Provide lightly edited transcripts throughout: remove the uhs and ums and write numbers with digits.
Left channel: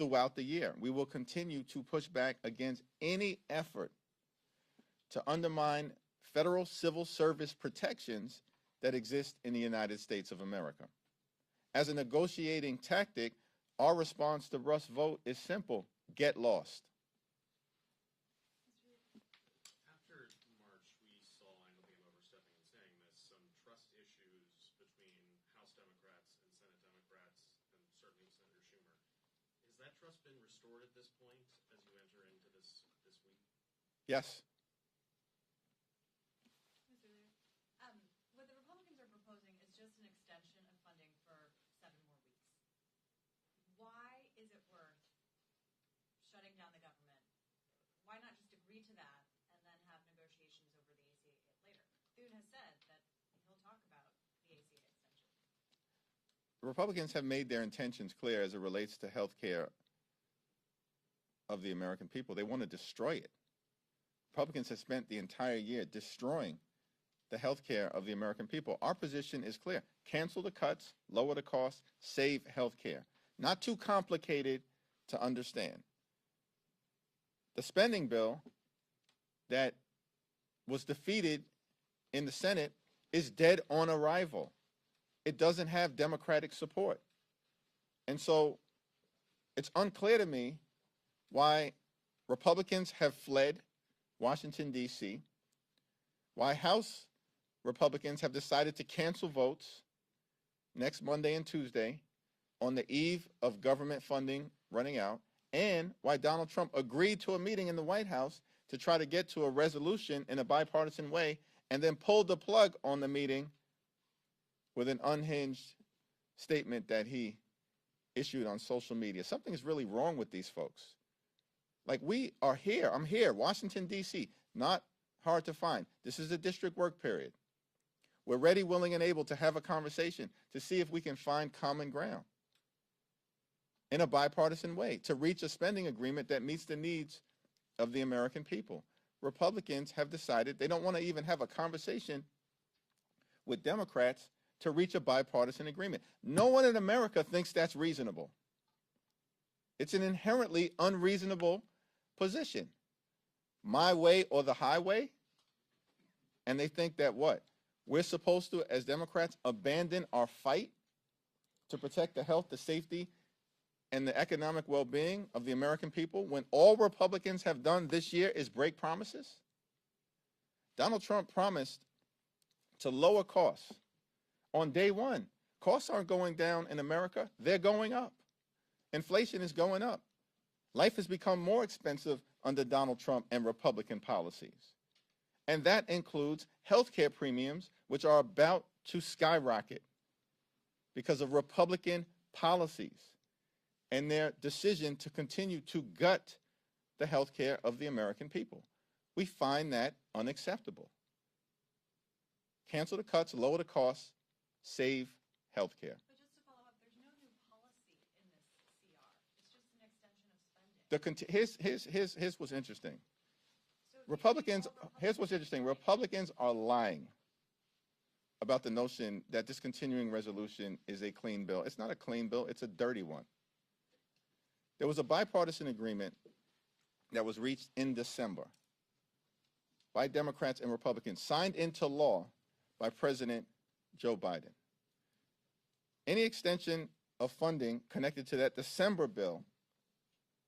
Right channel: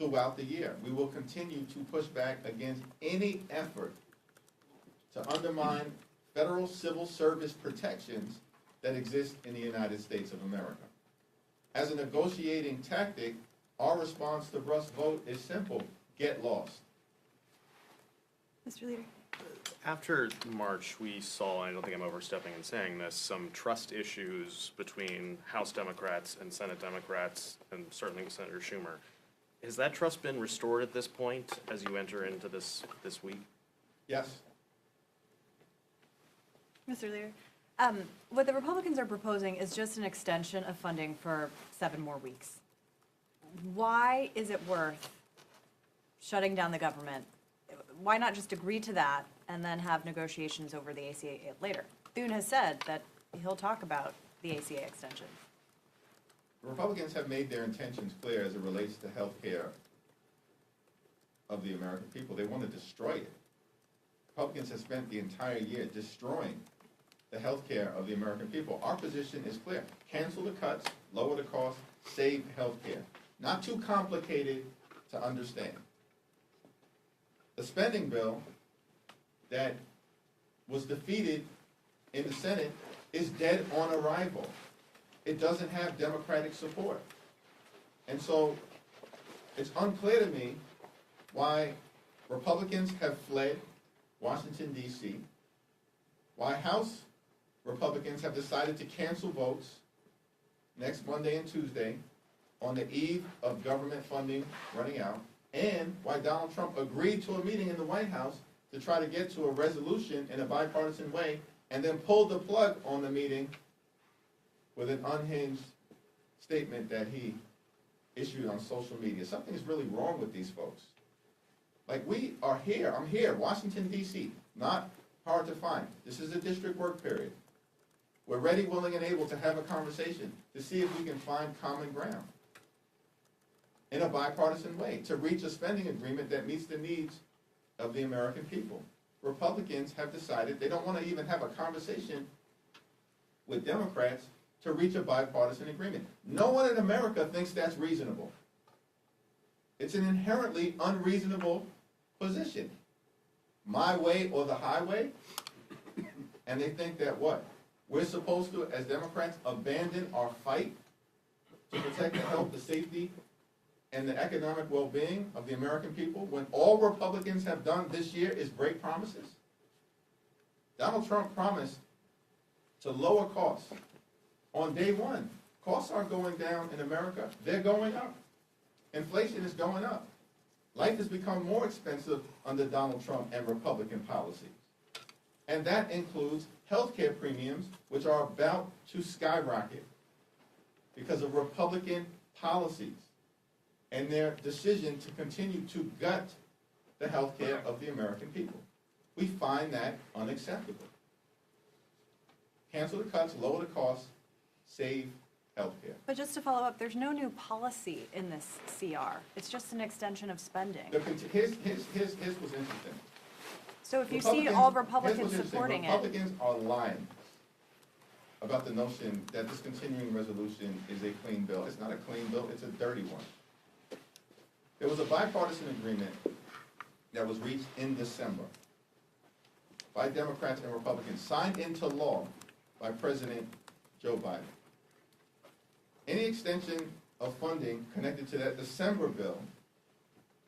throughout the year. We will continue to push back against any effort to undermine federal civil service protections that exist in the United States of America. As a negotiating tactic, our response to Brust's vote is simple: get lost. Mr. Leader. After March, we saw, I don't think I'm overstepping in saying this, some trust issues between House Democrats and Senate Democrats, and certainly with Senator Schumer. Has that trust been restored at this point as you enter into this week? Yes. Mr. Leader. What the Republicans are proposing is just an extension of funding for 7 more weeks. Why is it worth shutting down the government? Why not just agree to that and then have negotiations over the ACA later? Thune has said that he'll talk about the ACA extension. The Republicans have made their intentions clear as it relates to health care of the American people. They want to destroy it. Republicans have spent the entire year destroying the health care of the American people. Our position is clear: cancel the cuts, lower the cost, save health care. Not too complicated to understand. The spending bill that was defeated in the Senate is dead on arrival. It doesn't have Democratic support. And so it's unclear to me why Republicans have fled Washington, D.C., why House Republicans have decided to cancel votes next Monday and Tuesday on the eve of government funding running out, and why Donald Trump agreed to a meeting in the White House to try to get to a resolution in a bipartisan way, and then pulled the plug on the meeting with an unhinged statement that he issued on social media. Something is really wrong with these folks. Like, we are here. I'm here, Washington, D.C. Not hard to find. This is a district work period. We're ready, willing, and able to have a conversation to see if we can find common ground in a bipartisan way to reach a spending agreement that meets the needs of the American people. Republicans have decided they don't want to even have a conversation with Democrats to reach a bipartisan agreement. No one in America thinks that's reasonable. It's an inherently unreasonable position. My way or the highway. And they think that what? We're supposed to, as Democrats, abandon our fight to protect the health, the safety, and the economic well-being of the American people when all Republicans have done this year is break promises? Donald Trump promised to lower costs on day one. Costs aren't going down in America. They're going up. Inflation is going up. Life has become more expensive under Donald Trump and Republican policies. And that includes health care premiums, which are about to skyrocket because of Republican policies and their decision to continue to gut the health care of the American people. We find that unacceptable. Cancel the cuts, lower the costs, save health care. But just to follow up, there's no new policy in this CR. It's just an extension of spending. Here's what's interesting. So if you see all Republicans supporting Republicans are lying about the notion that this continuing resolution is a clean bill. It's not a clean bill, it's a dirty one. There was a bipartisan agreement that was reached in December by Democrats and Republicans, signed into law by President Joe Biden. Any extension of funding connected to that December bill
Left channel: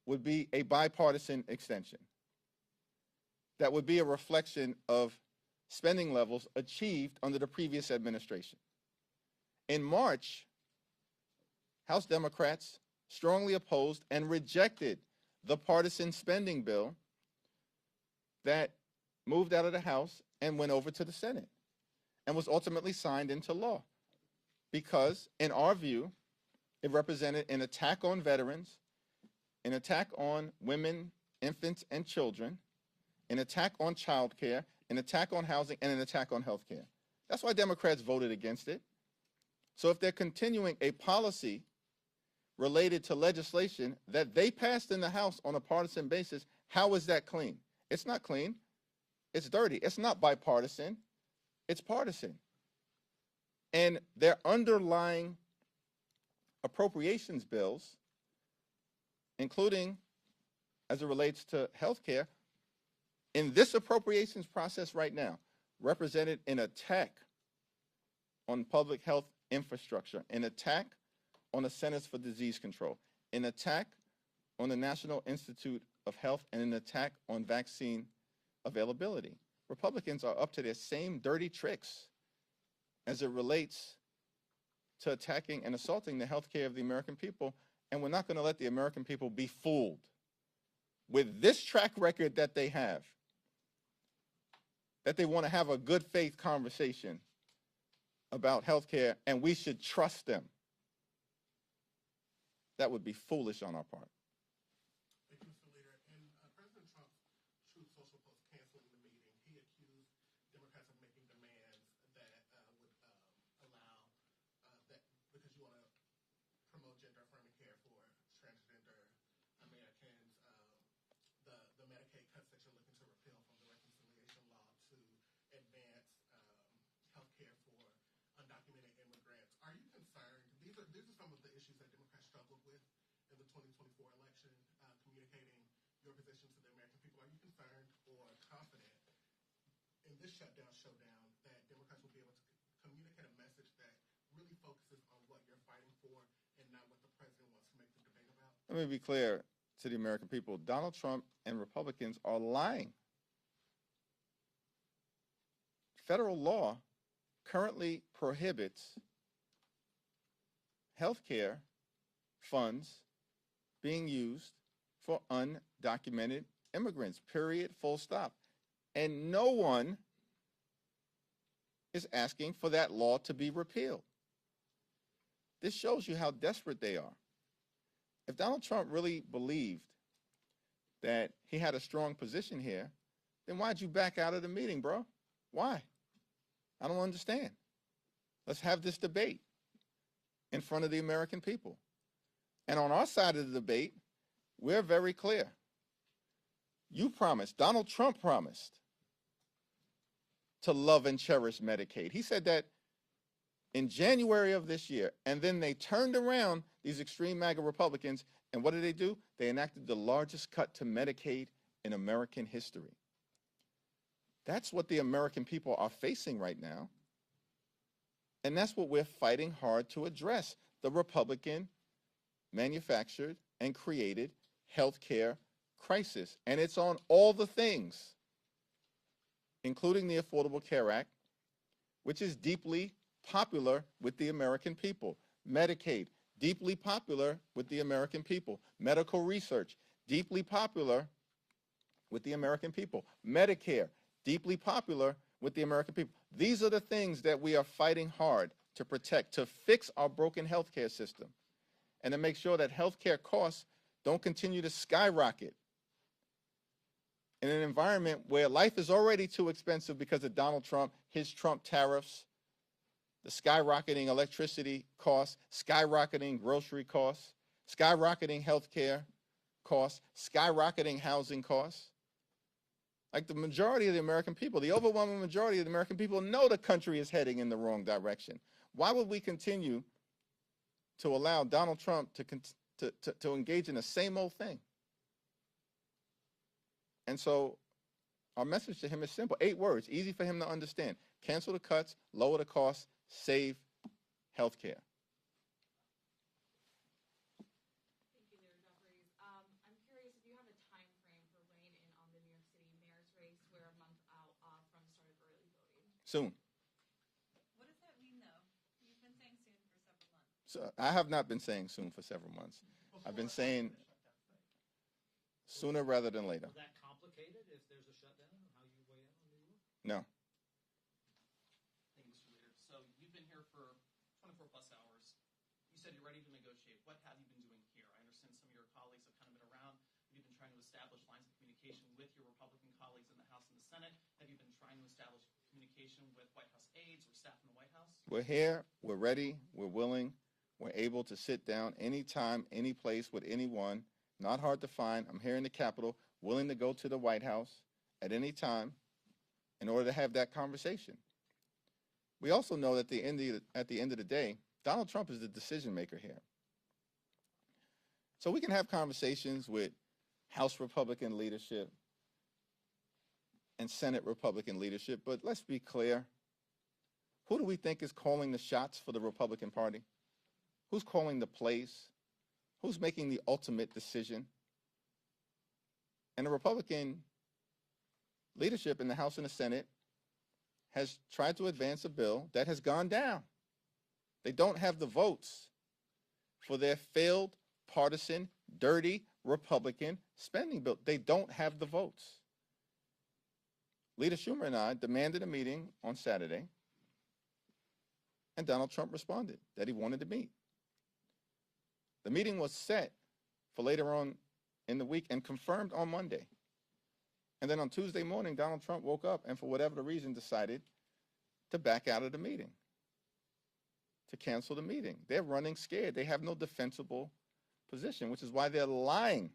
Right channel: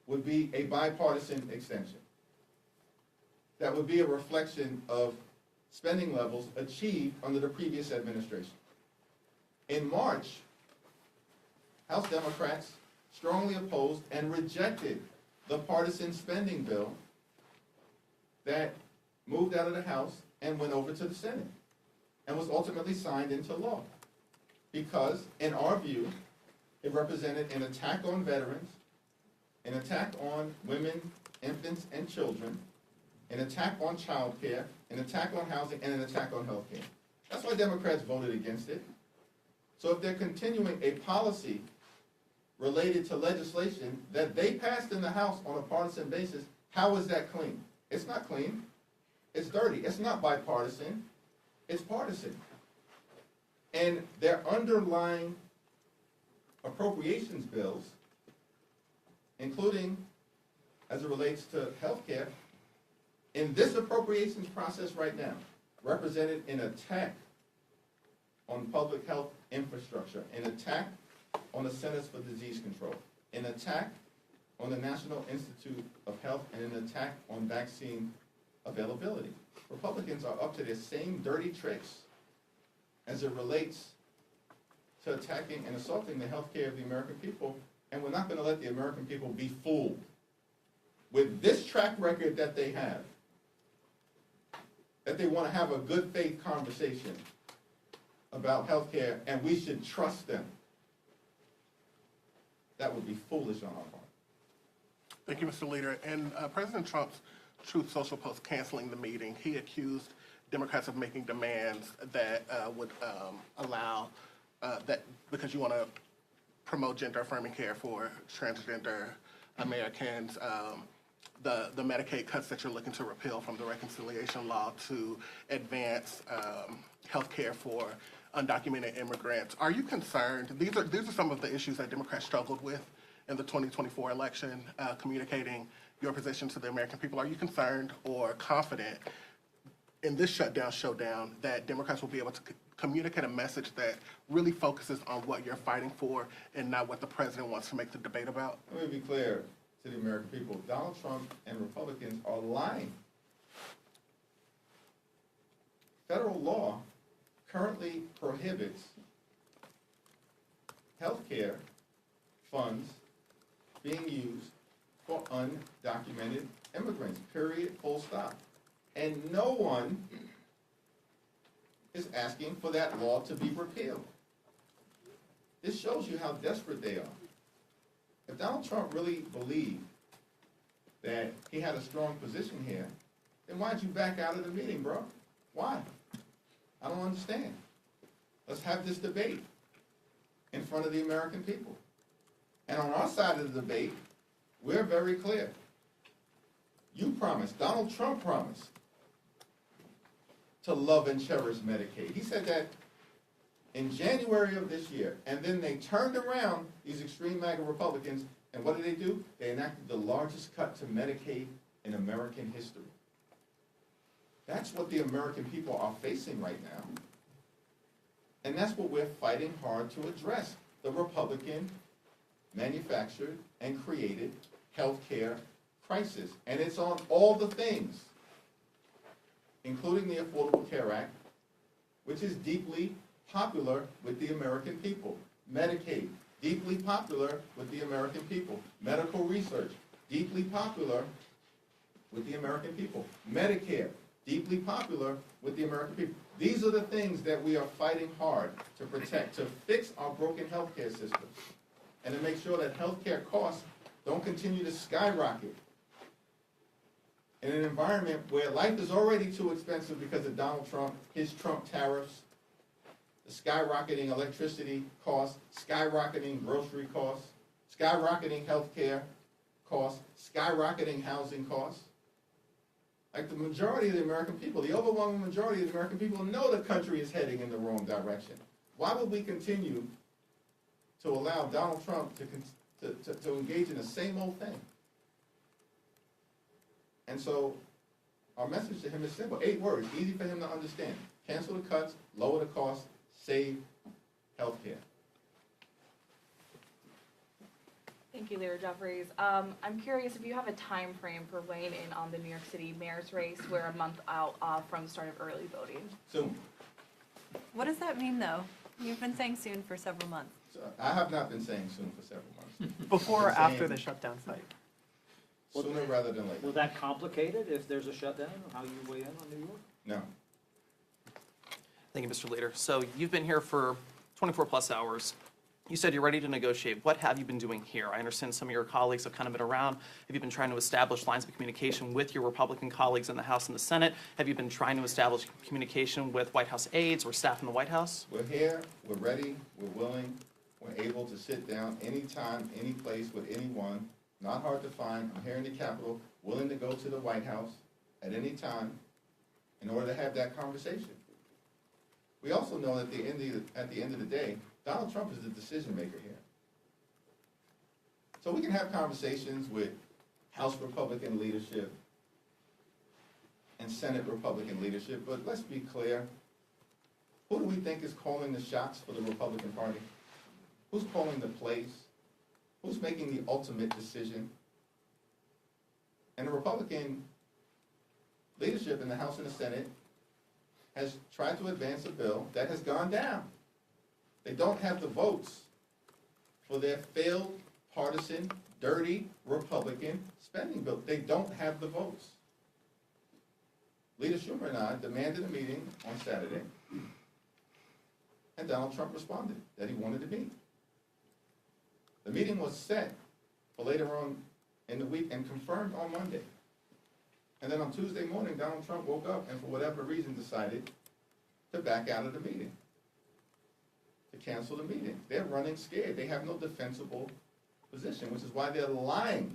would be a bipartisan extension. That would be a reflection of spending levels achieved under the previous administration. In March, House Democrats strongly opposed and rejected the partisan spending bill that moved out of the House and went over to the Senate and was ultimately signed into law because, in our view, it represented an attack on veterans, an attack on women, infants, and children, an attack on child care, an attack on housing, and an attack on health care. That's why Democrats voted against it. So if they're continuing a policy related to legislation that they passed in the House on a partisan basis, how is that clean? It's not clean. It's dirty. It's not bipartisan. It's partisan. And their underlying appropriations bills, including as it relates to health care, in this appropriations process right now, represented an attack on public health infrastructure, an attack on the Centers for Disease Control, an attack on the National Institute of Health, and an attack on vaccine availability. Republicans are up to their same dirty tricks as it relates to attacking and assaulting the health care of the American people, and we're not going to let the American people be fooled with this track record that they have, that they want to have a good faith conversation about health care, and we should trust them. That would be foolish on our part. Thank you, Mr. Leader. In President Trump's Truth Social post canceling the meeting, he accused Democrats of making demands that would allow that because you want to promote gender-affirming care for transgender Americans, the Medicaid cuts that you're looking to repeal from the reconciliation law to advance health care for undocumented immigrants. Are you concerned? These are some of the issues that Democrats struggled with in the 2024 election, communicating your position to the American people. Are you concerned or confident in this showdown that Democrats will be able to communicate a message that really focuses on what you're fighting for and not what the president wants to make the debate about? Let me be clear to the American people. Donald Trump and Republicans are lying. Federal law currently prohibits health care funds being used for undocumented immigrants, period, full stop. And no one is asking for that law to be repealed. This shows you how desperate they are. If Donald Trump really believed that he had a strong position here, then why'd you back out of the meeting, bro? Why? I don't understand. Let's have this debate in front of the American people. And on our side of the debate, we're very clear. You promised, Donald Trump promised, to love and cherish Medicaid. He said that in January of this year, and then they turned around, these extreme MAGA Republicans, and what did they do? They enacted the largest cut to Medicaid in American history. That's what the American people are facing right now. And that's what we're fighting hard to address, the Republican manufactured and created health care crisis. And it's on all the things, including the Affordable Care Act, which is deeply popular with the American people. Medicaid, deeply popular with the American people. Medical research, deeply popular with the American people. Medicare, deeply popular with the American people. These are the things that we are fighting hard to protect, to fix our broken healthcare system, and to make sure that healthcare costs don't continue to skyrocket in an environment where life is already too expensive because of Donald Trump, his Trump tariffs, the skyrocketing electricity costs, skyrocketing grocery costs, skyrocketing healthcare costs, skyrocketing housing costs. Like the majority of the American people, the overwhelming majority of the American people know the country is heading in the wrong direction. Why would we continue to allow Donald Trump to engage in the same old thing? And so our message to him is simple. 8 words, easy for him to understand. Cancel the cuts, lower the costs, save health care. Thank you, Leader Jeffries. I'm curious if you have a time frame for weighing in on the New York City mayor's race. We're a month out from the start of early voting. Soon. What does that mean, though? You've been saying soon for several months. So I have not been saying soon for several months. Before or I've been after saying the shutdown site? Sooner rather than later. Will that complicate it if there's a shutdown, how you weigh in on New York? No. Thank you, Mr. Leader. So you've been here for 24 plus hours. You said you're ready to negotiate. What have you been doing here? I understand some of your colleagues have kind of been around. Have you been trying to establish lines of communication with your Republican colleagues in the House and the Senate? Have you been trying to establish communication with White House aides or staff in the White House? We're here, we're ready, we're willing, we're able to sit down anytime, any place with anyone. Not hard to find. I'm here in the Capitol, willing to go to the White House at any time in order to have that conversation. We also know that at the end of the day, Donald Trump is the decision maker here. So we can have conversations with House Republican leadership and Senate Republican leadership, but let's be clear. Who do we think is calling the shots for the Republican Party? Who's calling the plays? Who's making the ultimate decision? And the Republican leadership in the House and the Senate has tried to advance a bill that has gone down. They don't have the votes for their failed, partisan, dirty Republican spending bill. They don't have the votes. Leader Schumer and I demanded a meeting on Saturday, and Donald Trump responded that he wanted to meet. The meeting was set for later on in the week and confirmed on Monday. And then on Tuesday morning, Donald Trump woke up and for whatever reason decided to back out of the meeting, to cancel the meeting. They're running scared. They have no defensible position, which is why they're lying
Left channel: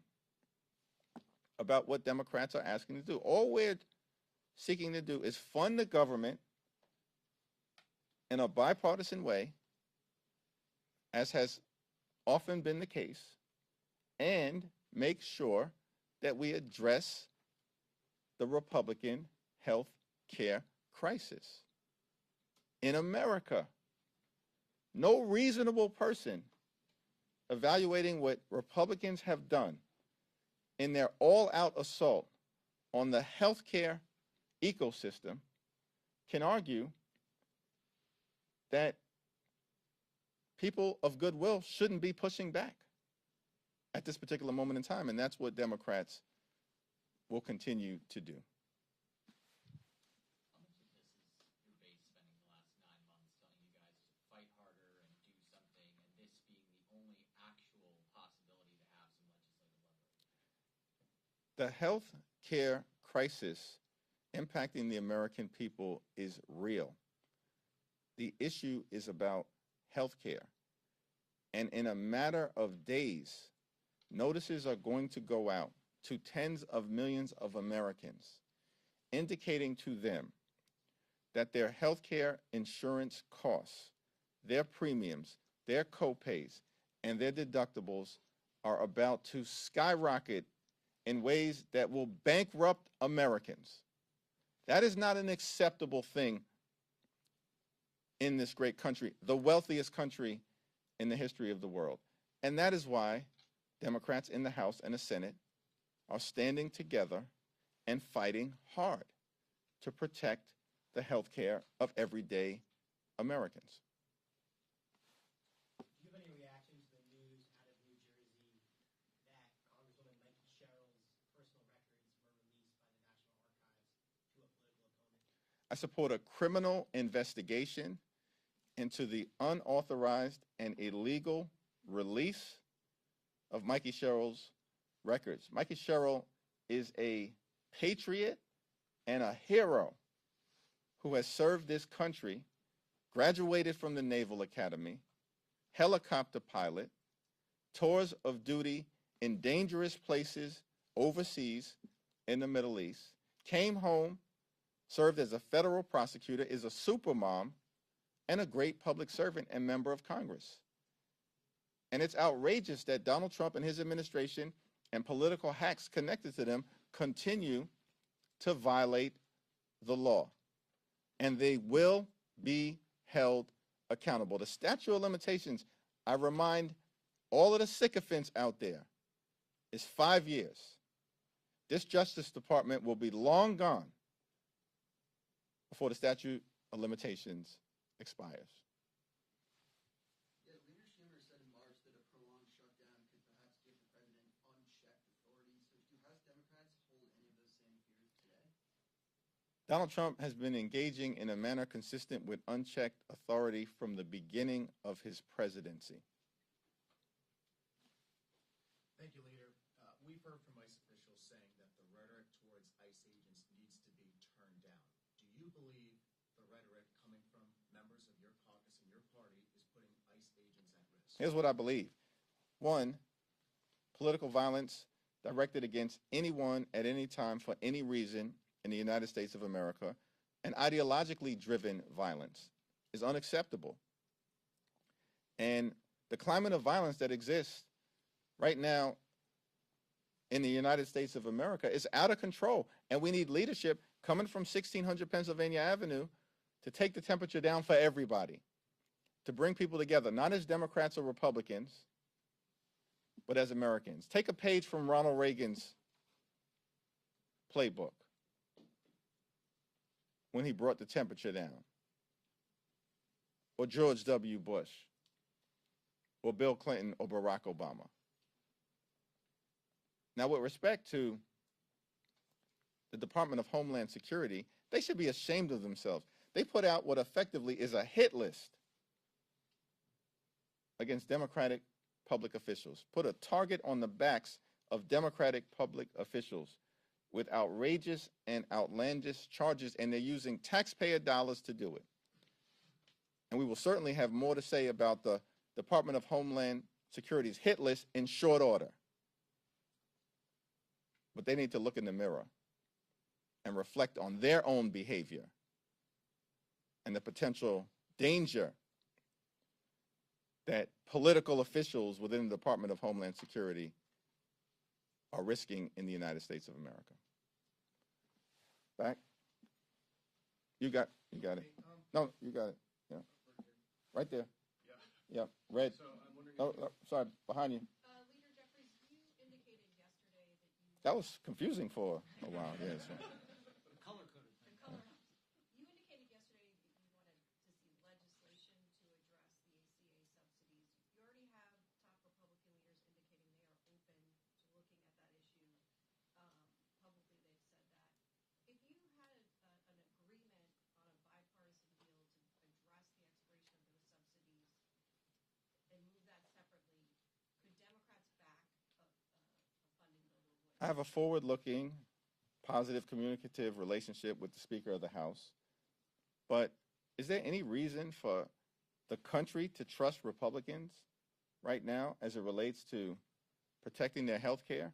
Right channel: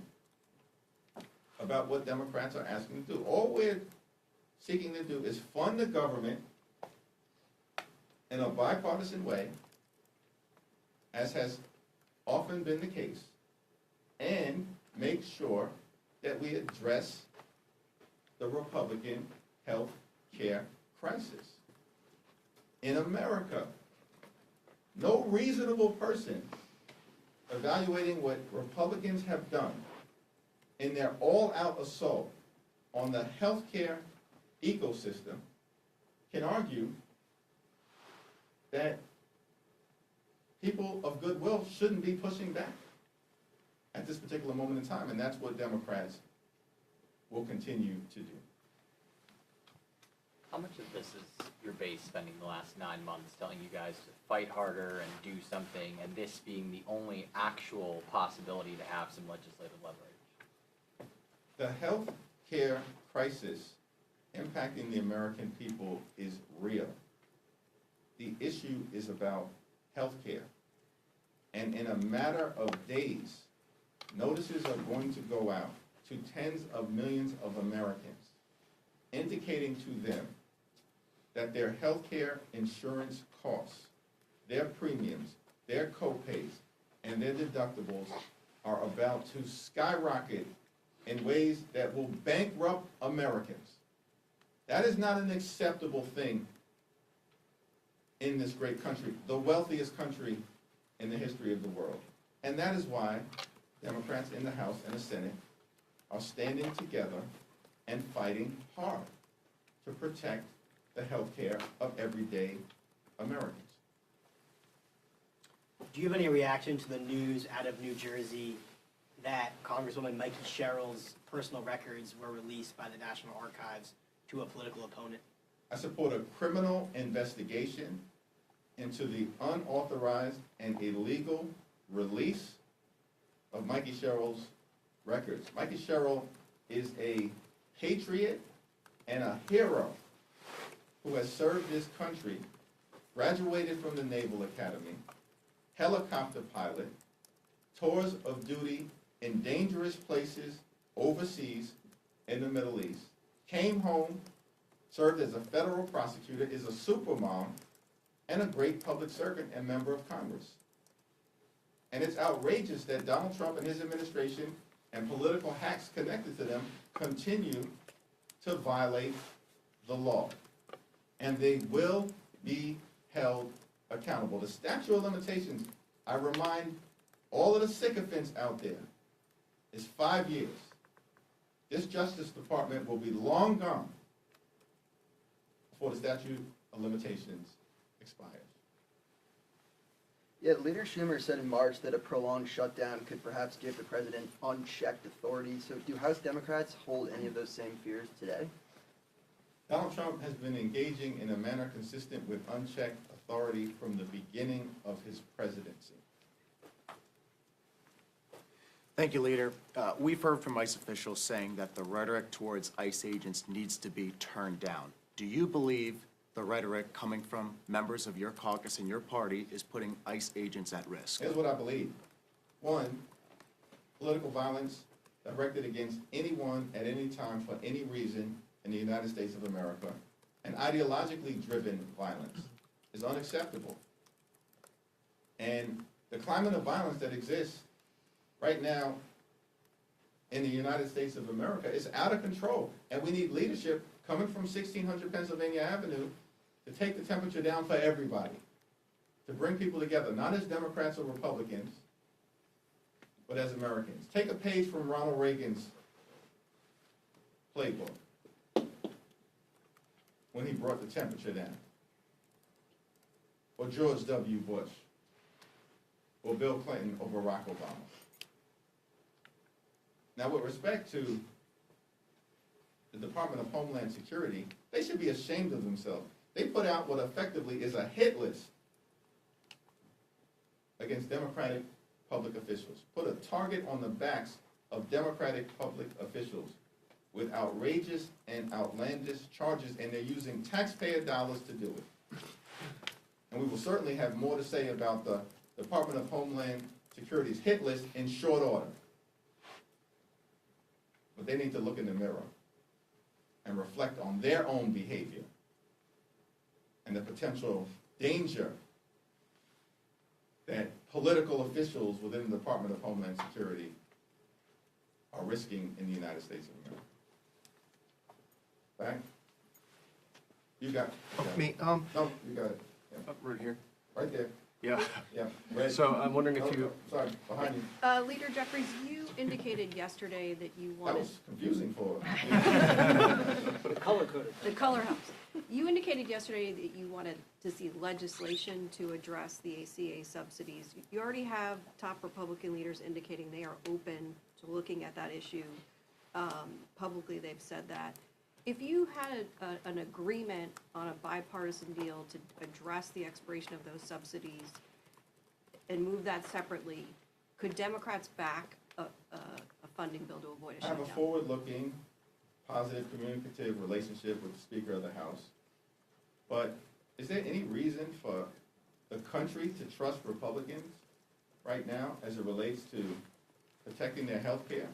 about what Democrats are asking to do. All we're seeking to do is fund the government in a bipartisan way, as has often been the case, and make sure that we address the Republican health care crisis in America. No reasonable person evaluating what Republicans have done in their all-out assault on the health care ecosystem can argue that people of goodwill shouldn't be pushing back at this particular moment in time, and that's what Democrats will continue to do. How much of this is your base spending the last 9 months telling you guys to fight harder and do something, and this being the only actual possibility to have some legislative leverage? The health care crisis impacting the American people is real. The issue is about health care. And in a matter of days, notices are going to go out to tens of millions of Americans, indicating to them that their health care insurance costs, their premiums, their copays, and their deductibles are about to skyrocket in ways that will bankrupt Americans. That is not an acceptable thing in this great country, the wealthiest country in the history of the world. And that is why Democrats in the House and the Senate are standing together and fighting hard to protect the health care of everyday Americans. Do you have any reaction to the news out of New Jersey that Congresswoman Mikey Sherrill's personal records were released by the National Archives to a political opponent? I support a criminal investigation into the unauthorized and illegal release of Mikey Sherrill's records. Mikey Sherrill is a patriot and a hero who has served this country, graduated from the Naval Academy, helicopter pilot, tours of duty in dangerous places overseas in the Middle East, came home, served as a federal prosecutor, is a supermom, and a great public servant and member of Congress. And it's outrageous that Donald Trump and his administration and political hacks connected to them continue to violate the law. And they will be held accountable. The statute of limitations, I remind all of the sycophants out there, is 5 years. This Justice Department will be long gone before the statute of limitations expires. Yeah, Leader Schumer said in March that a prolonged shutdown could perhaps give the president unchecked authority. So do House Democrats hold any of those same fears today? Donald Trump has been engaging in a manner consistent with unchecked authority from the beginning of his presidency. Thank you, Leader. We've heard from ICE officials saying that the rhetoric towards ICE agents needs to be turned down. Do you believe the rhetoric coming from members of your caucus and your party is putting ICE agents at risk? Here's what I believe. One, political violence directed against anyone at any time for any reason in the United States of America, and ideologically driven violence is unacceptable. And the climate of violence that exists right now in the United States of America is out of control. And we need leadership coming from 1600 Pennsylvania Avenue to take the temperature down for everybody, to bring people together, not as Democrats or Republicans, but as Americans. Take a page from Ronald Reagan's playbook when he brought the temperature down, or George W. Bush, or Bill Clinton, or Barack Obama. Now, with respect to the Department of Homeland Security, they should be ashamed of themselves. They put out what effectively is a hit list against Democratic public officials, put a target on the backs of Democratic public officials with outrageous and outlandish charges, and they're using taxpayer dollars to do it. And we will certainly have more to say about the Department of Homeland Security's hit list in short order. But they need to look in the mirror and reflect on their own behavior and the potential danger that political officials within the Department of Homeland Security are risking in the United States of America. Back? You got it. Me, No, you got it. Yeah. right here. Right there. Yeah. Yeah. Red. So I'm wondering if No, you, no, sorry, behind you. Leader Jeffries, you indicated yesterday that you That wanted was confusing for her. Color coded. the color helps. You indicated yesterday that you wanted to see legislation to address the ACA subsidies. You already have top Republican leaders indicating they are open to looking at that issue. Publicly, they've said that. If you had an agreement on a bipartisan deal to address the expiration of those subsidies and move that separately, could Democrats back a funding bill to avoid a I have shutdown? a forward-looking, positive, communicative relationship with the Speaker of the House. But is there any reason for the country to trust Republicans right now as it relates to protecting their health care?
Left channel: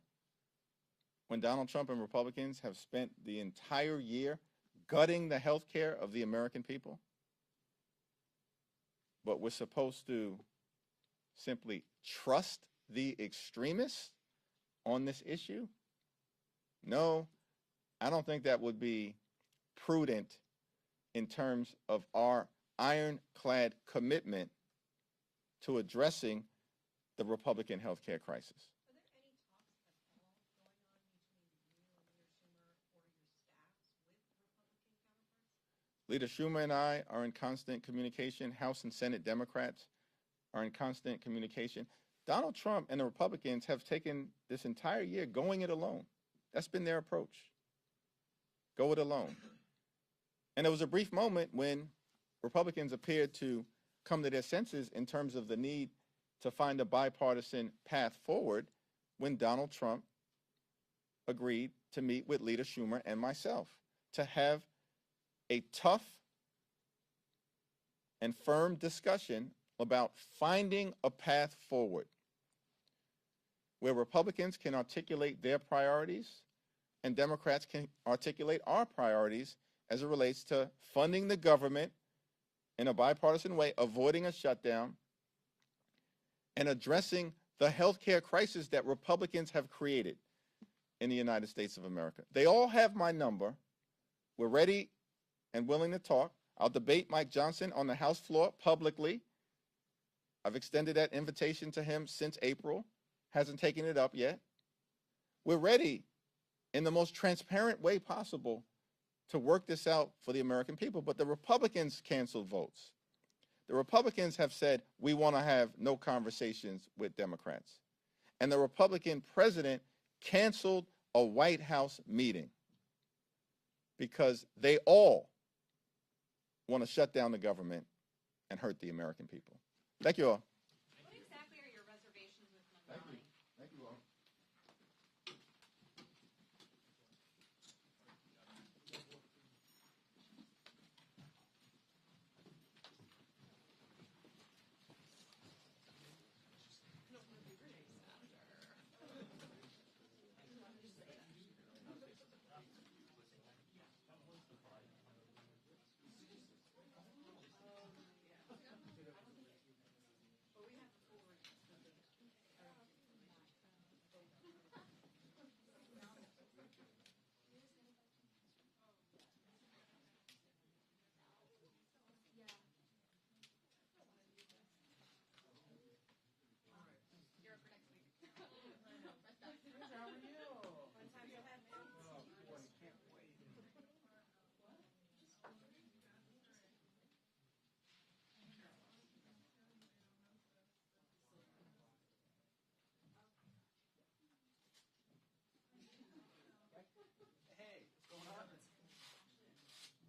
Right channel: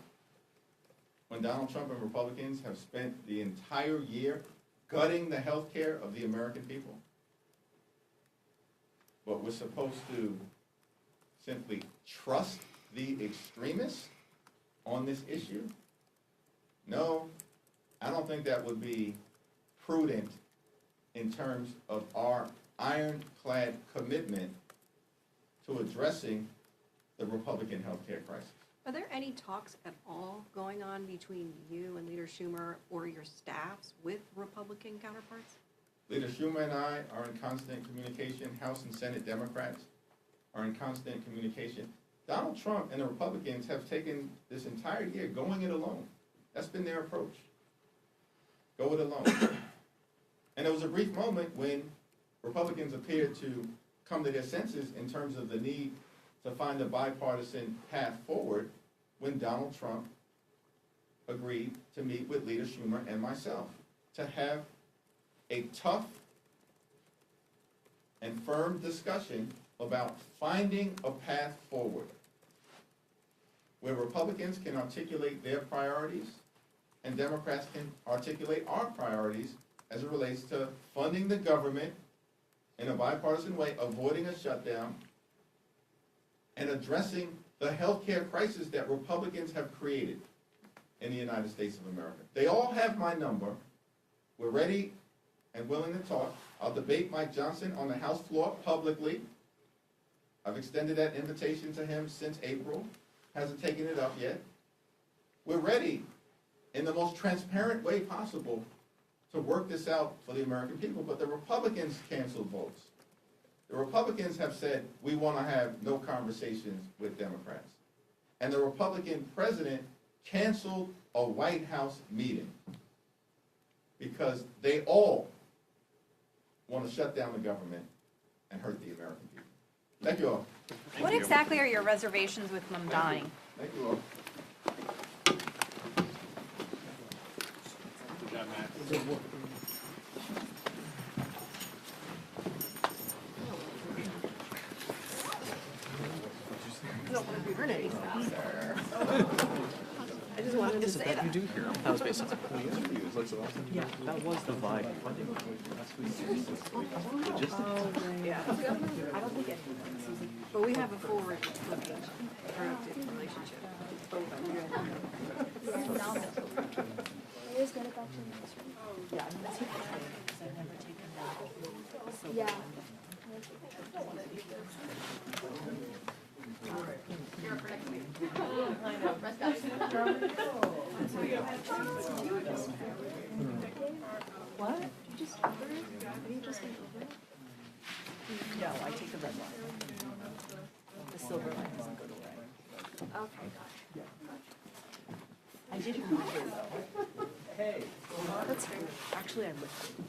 When Donald Trump and Republicans have spent the entire year gutting the health care of the American people? But we're supposed to simply trust the extremists on this issue? No, I don't think that would be prudent in terms of our ironclad commitment to addressing the Republican health care crisis. Are there any talks at all going on between you and Leader Schumer or your staffs with Republican counterparts? Leader Schumer and I are in constant communication. House and Senate Democrats are in constant communication. Donald Trump and the Republicans have taken this entire year going it alone. That's been their approach. Go it alone. And there was a brief moment when Republicans appeared to come to their senses in terms of the need to find a bipartisan path forward when Donald Trump agreed to meet with Leader Schumer and myself to have a tough and firm discussion about finding a path forward where Republicans can articulate their priorities and Democrats can articulate our priorities as it relates to funding the government in a bipartisan way, avoiding a shutdown, and addressing the healthcare crisis that Republicans have created in the United States of America. They all have my number. We're ready and willing to talk. I'll debate Mike Johnson on the House floor publicly. I've extended that invitation to him since April. Hasn't taken it up yet. We're ready in the most transparent way possible to work this out for the American people, but the Republicans canceled votes. The Republicans have said, we want to have no conversations with Democrats. And the Republican president canceled a White House meeting because they all want to shut down the government and hurt the American people. Thank you all. What exactly are your reservations with them dying? Thank you all. I just wanted to say that. You do hear them. That was basically. Yeah, that was the vibe. Yeah. I don't think it, but we have a forward-looking, productive relationship. What? No, I take the red line. The silver line doesn't go to red. Okay, gotcha. I did remember though. Hey. That's fair. Actually, I lifted.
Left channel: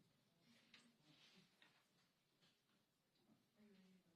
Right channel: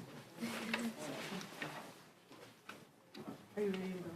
Are you ready to go?